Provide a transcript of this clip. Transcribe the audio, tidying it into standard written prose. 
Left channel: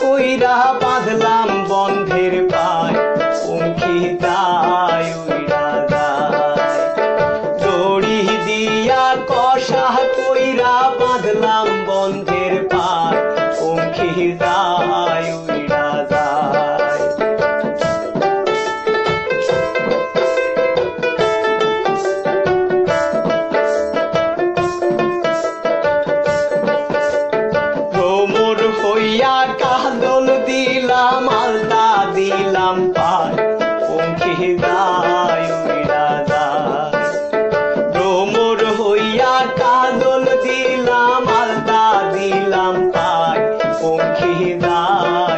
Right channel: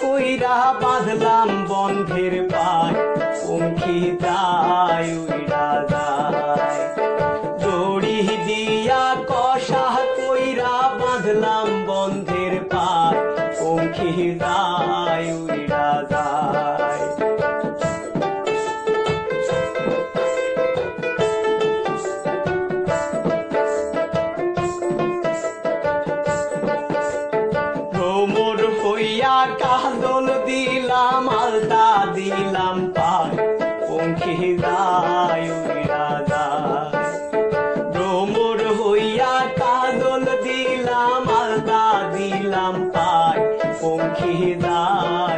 কইরা বাঁধলাম বন্ধের পায়, পঙ্খী যায় উইরা যায়। দড়ি দিয়া কষা কইরা বাঁধলাম বন্ধের পায়, পঙ্খী যায় উইরা যায়। ভ্রমর হইয়া কাজল দিলাম আলতা দিলাম পায়, পঙ্খী যায় উইরা যায়। ভ্রমর হইয়া কাজল দিলাম আলতা দিলাম পায়, পঙ্খী যায়।